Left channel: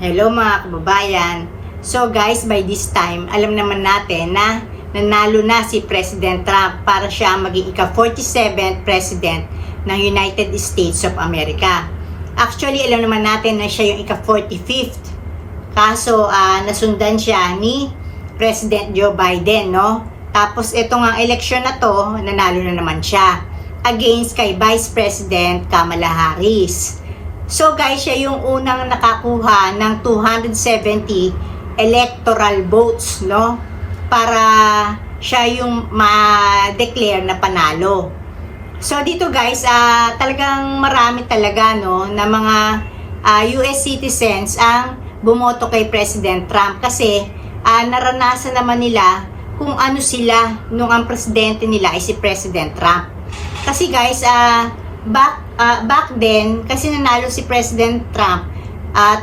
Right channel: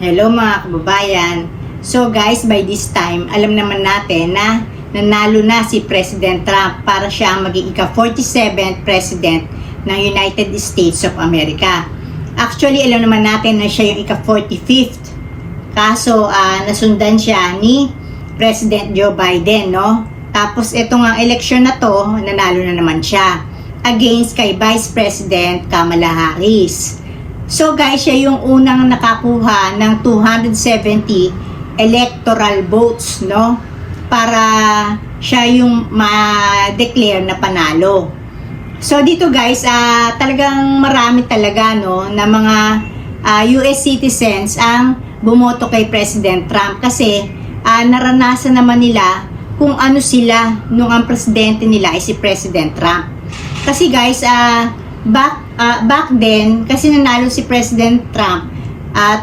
Hello mga kababayan. So guys, by this time, alam naman natin na nanalo na si President Trump para siya ang maging ika-47th President ng United States of America. Actually, alam naman natin na siya yung ika-45th. Kaso, nasundan siya ni President Joe Biden, no? Tapos, itong ang eleksyon na to, nanalo na naman siya against kay Vice President Kamala Harris. So guys, siya yung unang nakakuha ng 270 electoral votes, no? Para siya yung ma-declare na panalo. So dito guys, talagang marami talaga, no, na mga US citizens ang bumoto kay President Trump kasi naranasan naman nila kung ano sila nung ang presidente nila ay si President Trump. Kasi guys, back then, kasi nanalo si President Trump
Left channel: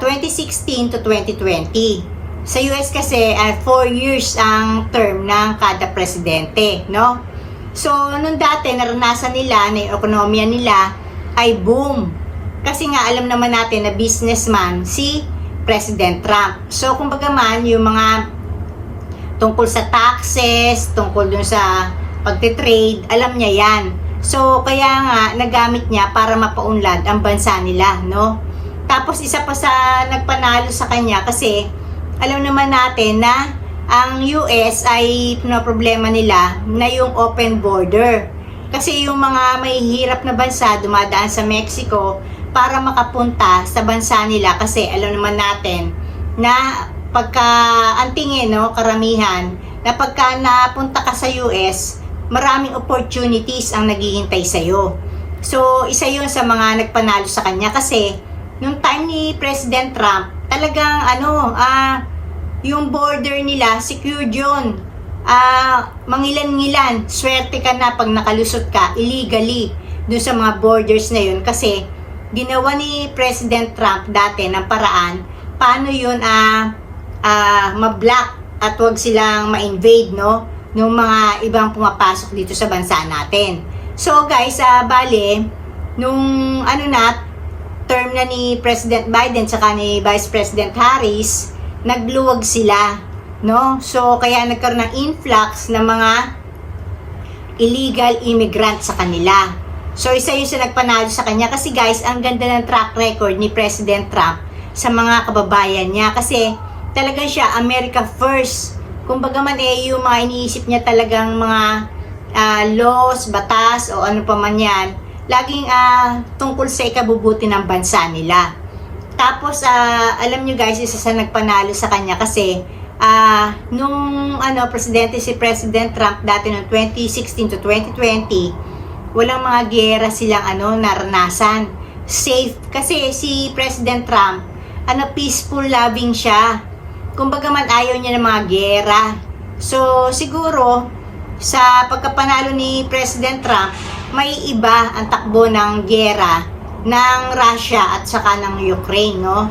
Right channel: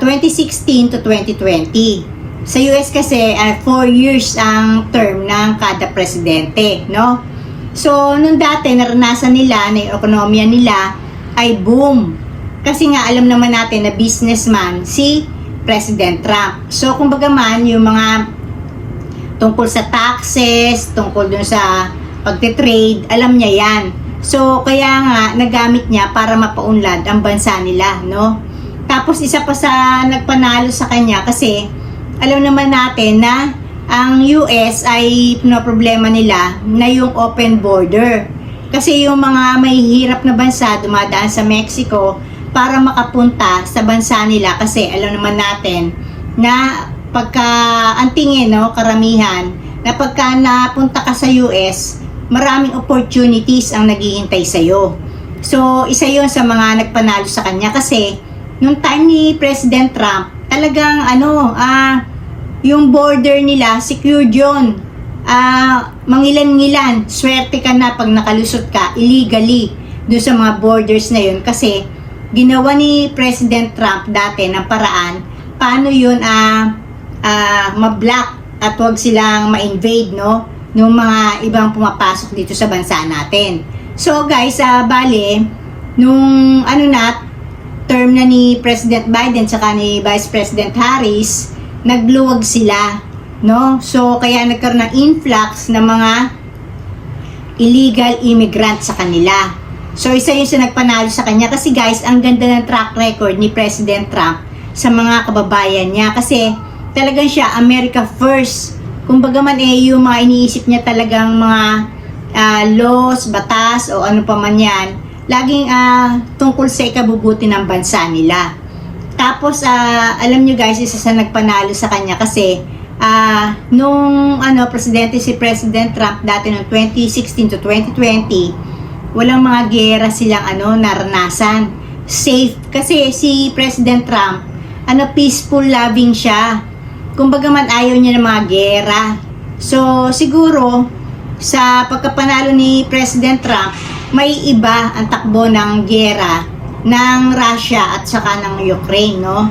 2016 to 2020. Sa US kasi 4 years ang term ng kada presidente, no? So, nung dati naranasan nila na yung ekonomiya nila ay boom. Kasi nga alam naman natin na businessman si President Trump. So, kumbaga man yung mga tungkol sa taxes, tungkol dun sa pagte-trade, alam niya yan. So, kaya nga, nagamit niya para mapaunlad ang bansa nila, no? Tapos, isa pa sa nagpanalo sa kanya kasi, alam naman natin na ang US ay problema nila na yung open border. Kasi yung mga mahihirap na bansa dumadaan sa Mexico para makapunta sa bansa nila kasi alam naman natin na pagka, ang tingin, no, karamihan, na pagka napunta ka sa US, maraming opportunities ang naghihintay sa'yo. So, isa yun sa mga nagpanalo sa kanya kasi nung time ni President Trump, talagang yung border nila, secured yun. Mangilan-ngilan, swerte ka na pag nakalusot ka illegally doon sa mga borders na yun kasi ginawa ni President Trump dati ng paraan paano yun ma-block at wag silang ma-invade, no? Nung mga ibang pumapasok dito sa bansa natin. So guys, bale, nung term na ni President Biden saka ni Vice President Harris, nagluwag sila, no? So kaya nagkaroon ng influx ng mga illegal immigrants sa kanila. So isa yun sa nagpanalo sa kanya kasi guys, ang ganda ng track record ni President Trump sa mga kababayan niya kasi talagang siya America first. Kumbaga man yung mga iniisip niya talagang mga laws, batas o ano pa man yan, laging tungkol sa ikabubuti ng bansa nila. Tapos alam nyo guys, isa sa nagpanalo sa kanya kasi nung presidente si President Trump dati noong 2016 to 2020, walang mga giyera silang naranasan. Safe kasi si President Trump peaceful loving siya. Kumbaga man ayaw niya ng mga giyera. So siguro sa pagkapanalo ni President Trump, may iba ang takbo ng giyera ng Russia at saka ng Ukraine, no?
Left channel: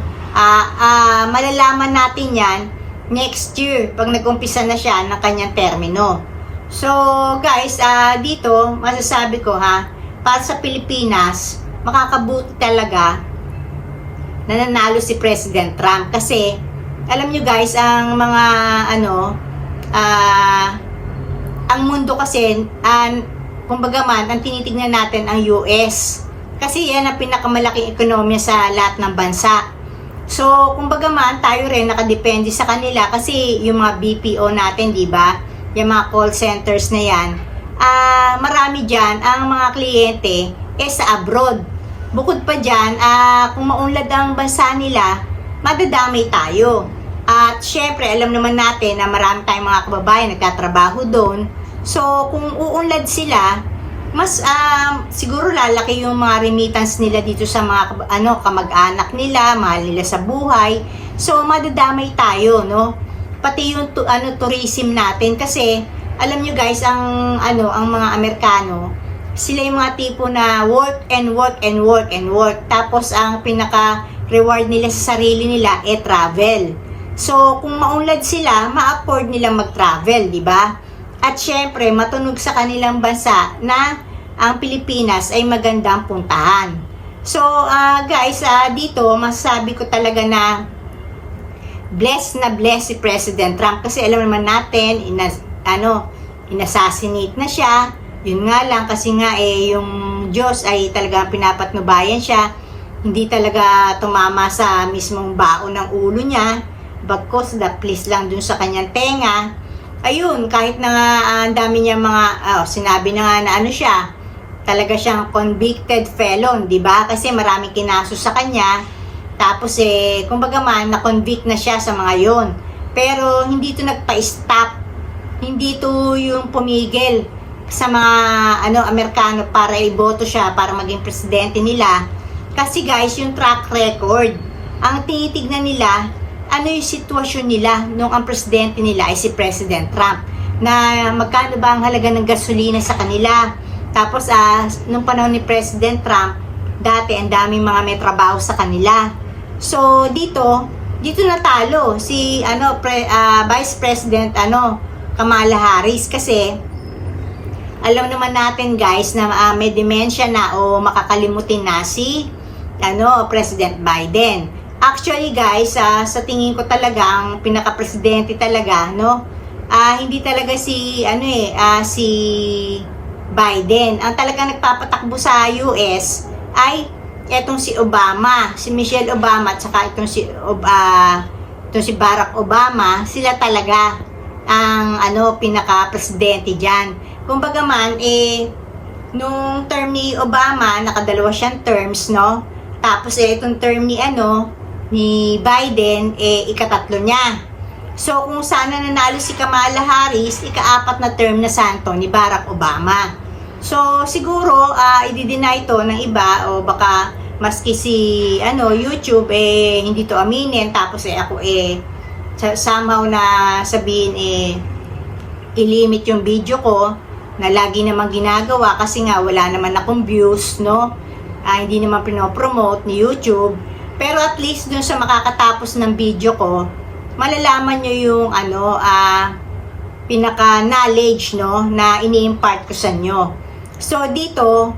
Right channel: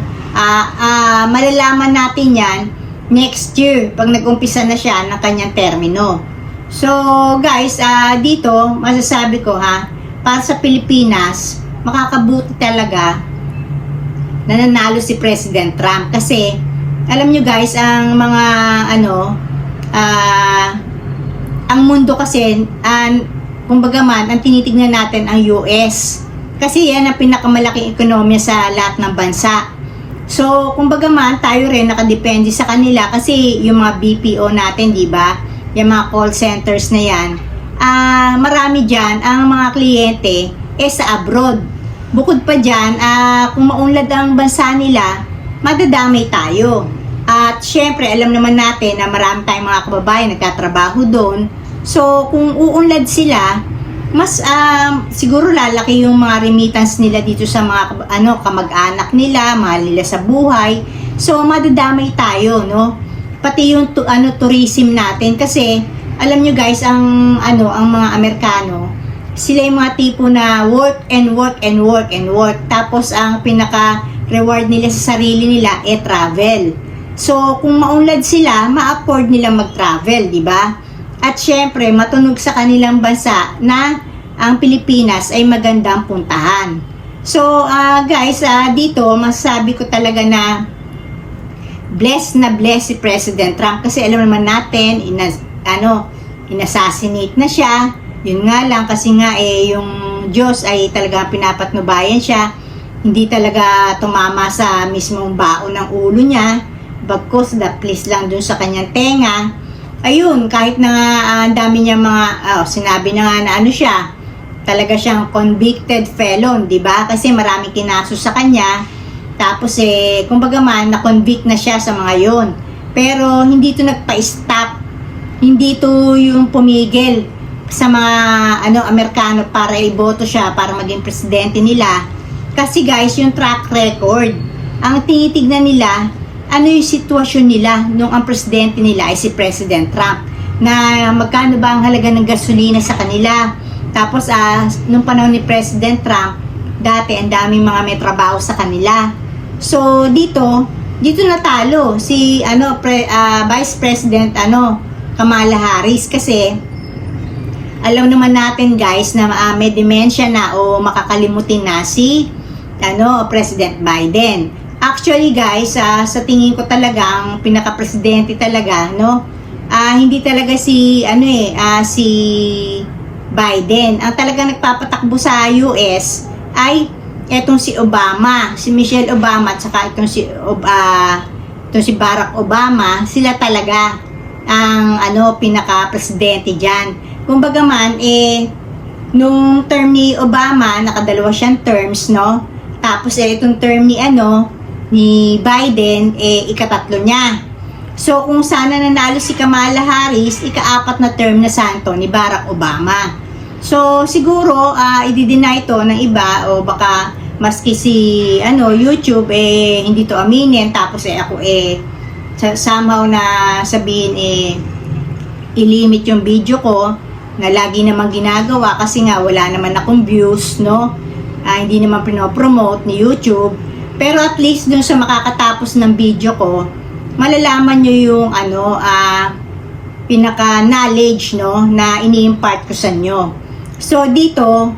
Malalaman natin yan next year pag nag-umpisa na siya ng kanyang termino. So guys, dito masasabi ko para sa Pilipinas, makakabuti talaga na nanalo si President Trump kasi alam nyo guys, ang mga ang mundo kasi kumbaga man, ang tinitignan natin ang US kasi yan ang pinakamalaking ekonomiya sa lahat ng bansa. So kumbaga man, tayo rin nakadepende sa kanila kasi yung mga BPO natin, di ba? Yung mga call centers na yan, marami dyan ang mga kliyente sa abroad. Bukod pa dyan, kung maunlad ang bansa nila, madadamay tayo. At syempre, alam naman natin na marami tayong mga kababayan nagtatrabaho doon. So, kung uunlad sila, mas siguro lalaki yung mga remittance nila dito sa mga kamag-anak nila, mahal nila sa buhay. So, madadamay tayo, no? Pati yung tourism natin kasi alam nyo guys, ang mga Amerikano, sila yung mga tipo na work and work and work and work. Tapos ang pinaka-reward nila sa sarili nila travel. So, kung maunlad sila, ma-afford nilang mag-travel, di ba? At syempre, matunog sa kanilang bansa na ang Pilipinas ay magandang puntahan. So, guys, dito, masasabi ko talaga na blessed na blessed si President Trump kasi alam naman natin, inassassinate na siya. Yun nga lang, kasi nga yung Diyos ay talaga pinapatnubayan siya. Hindi talaga tumama sa mismong baon ng ulo niya. Bagkus, please lang dun sa kanyang tenga. Ayun, kahit na nga ang dami niya sinabi na nga na siya, talaga siyang convicted felon, di ba? Kasi maraming kinaso sa kanya. Tapos kumbaga man, na-convict na siya sa mga yon. Pero hindi to nagpa-stop. Hindi to yung pumigil sa mga Amerikano para iboto siya para maging presidente nila. Kasi guys, yung track record, ang tinitignan nila, yung sitwasyon nila nung ang presidente nila ay si President Trump. Na magkano ba ang halaga ng gasolina sa kanila. Tapos nung panahon ni President Trump, dati ang daming mga may trabaho sa kanila. So dito natalo si Vice President Kamala Harris kasi alam naman natin guys na may dementia na o makakalimutin na si President Biden. Actually guys, sa tingin ko talaga ang pinaka-presidente talaga hindi talaga si si Biden. Ang talaga nagpapatakbo sa US ay etong si Obama, si Michelle Obama at saka itong si Barack Obama. Sila talaga ang pinaka-presidente diyan. Kumbaga man nung term ni Obama, nakadalawa siyang terms, Tapos itong term ni Biden ikatatlo niya. So kung sana nanalo si Kamala Harris, ika-apat na term na santo ni Barack Obama. So siguro i-deny to ng iba o baka maski si YouTube hindi to aminin, tapos ako somehow na sabihin i-limit yung video ko na lagi namang ginagawa kasi nga wala naman akong views, hindi naman pinopromote ni YouTube. Pero at least dun sa makakatapos ng video ko, malalaman nyo yung pinaka knowledge na ini-impart ko sa inyo. So dito,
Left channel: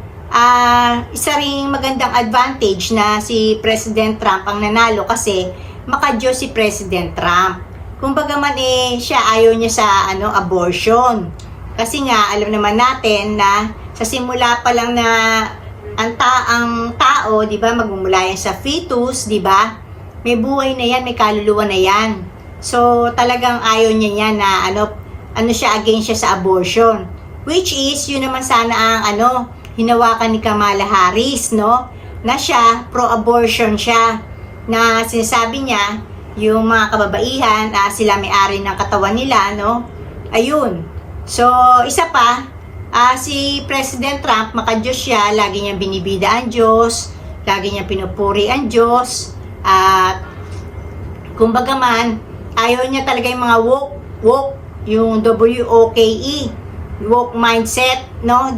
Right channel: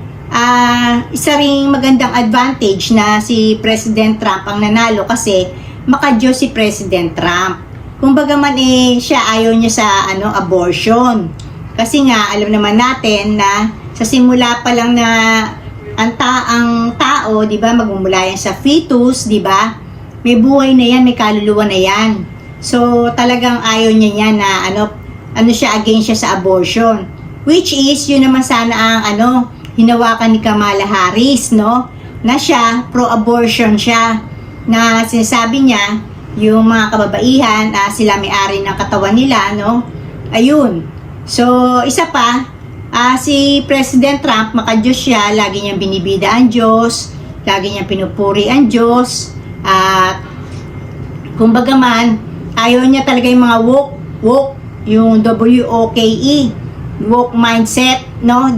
isa ring magandang advantage na si President Trump ang nanalo kasi maka-Diyos si President Trump. Kumbaga man siya ayaw niya sa abortion. Kasi nga alam naman natin na sa simula pa lang na ang tao, 'di ba, magmumula yan sa fetus, 'di ba? May buhay na yan, may kaluluwa na yan. So talagang ayaw niya yan na siya against siya sa abortion. Which is, yun naman sana ang hinawakan ni Kamala Harris, na siya, pro-abortion siya, na sinasabi niya, yung mga kababaihan, sila may-ari ng katawan nila, ayun. So, isa pa, si President Trump, maka-Diyos siya, lagi niyang binibida ang Diyos, lagi niyang pinupuri ang Diyos, at kumbaga man, ayaw niya talaga yung mga woke, yung WOKE, woke mindset,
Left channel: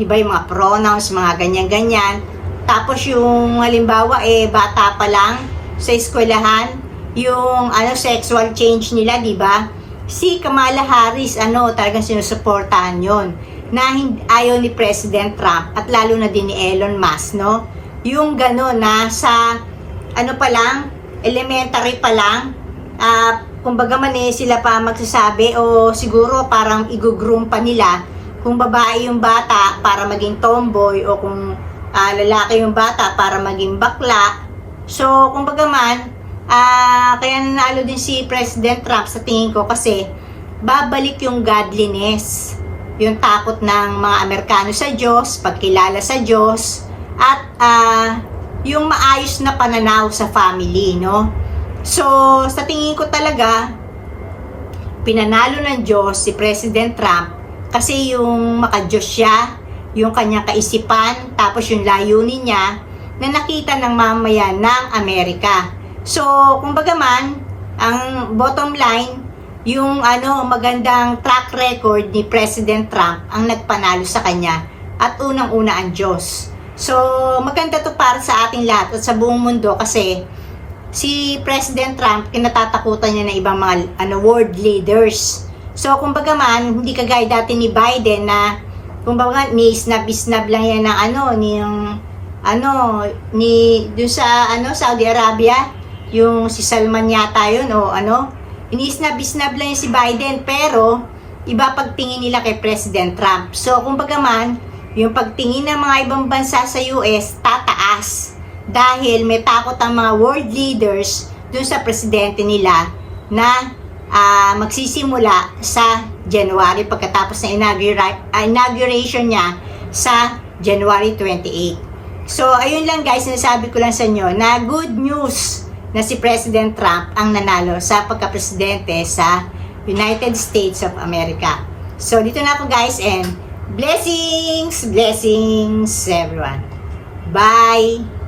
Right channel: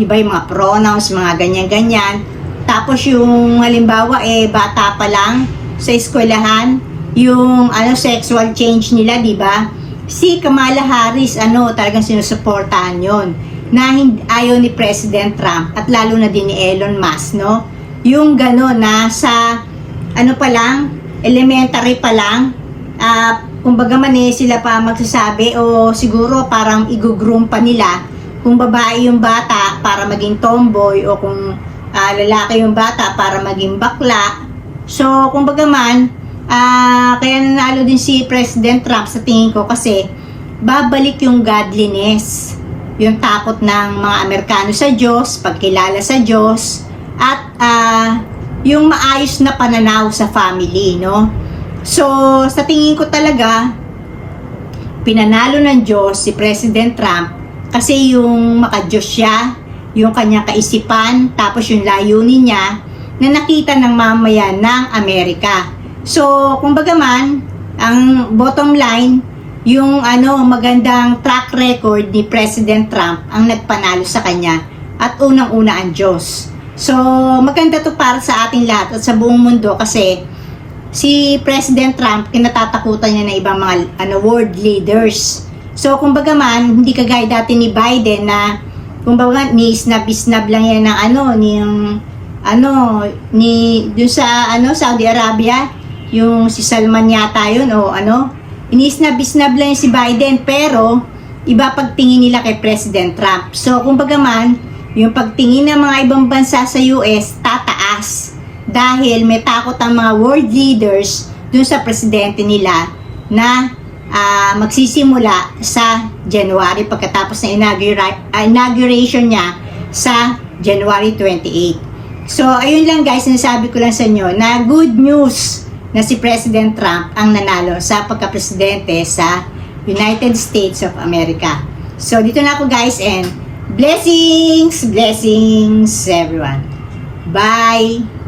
di ba, yung mga pronouns, mga ganyan-ganyan. Tapos yung halimbawa bata pa lang sa eskwelahan, yung sexual change nila, di ba? Si Kamala Harris talagang sinusuportahan yon na ayaw ni President Trump at lalo na din ni Elon Musk, yung gano'n na sa pa lang, elementary pa lang, kumbaga man sila pa magsasabi o siguro parang i-groom pa nila kung babae yung bata para maging tomboy o kung lalaki yung bata para maging bakla. So kumbaga man, kaya nanalo din si President Trump sa tingin ko kasi babalik yung godliness, yung takot ng mga Amerikano sa Diyos, pagkilala sa Diyos, at yung maayos na pananaw sa family, So sa tingin ko talaga pinanalo ng Diyos si President Trump kasi yung maka-Diyos siya, yung kanyang kaisipan, tapos yung layunin niya na nakita ng mamayan ng Amerika. So, kumbaga man, ang bottom line, yung magandang track record ni President Trump ang nagpanalo sa kanya at unang-una ang Diyos. So, maganda to para sa ating lahat at sa buong mundo kasi si President Trump, kinatatakutan niya na ibang mga world leaders. So, kumbaga man, hindi kagaya dati ni Biden na, kumbaga, ni-snab lang yan ng ni, dun sa, Saudi Arabia, yung si Salman yata yun, o inisnab-isnab lang si Biden, pero iba pagtingin nila kay President Trump. So, kumbaga man, yung pagtingin ng mga ibang bansa sa US, tataas. Dahil may takot ang mga world leaders dun sa presidente nila na magsisimula sa January pagkatapos ng inauguration niya sa January 28. So, ayun lang guys, sinasabi ko lang sa inyo na good news na si President Trump ang nanalo sa pagka-presidente sa United States of America. So, dito na ako guys, and blessings everyone. Bye!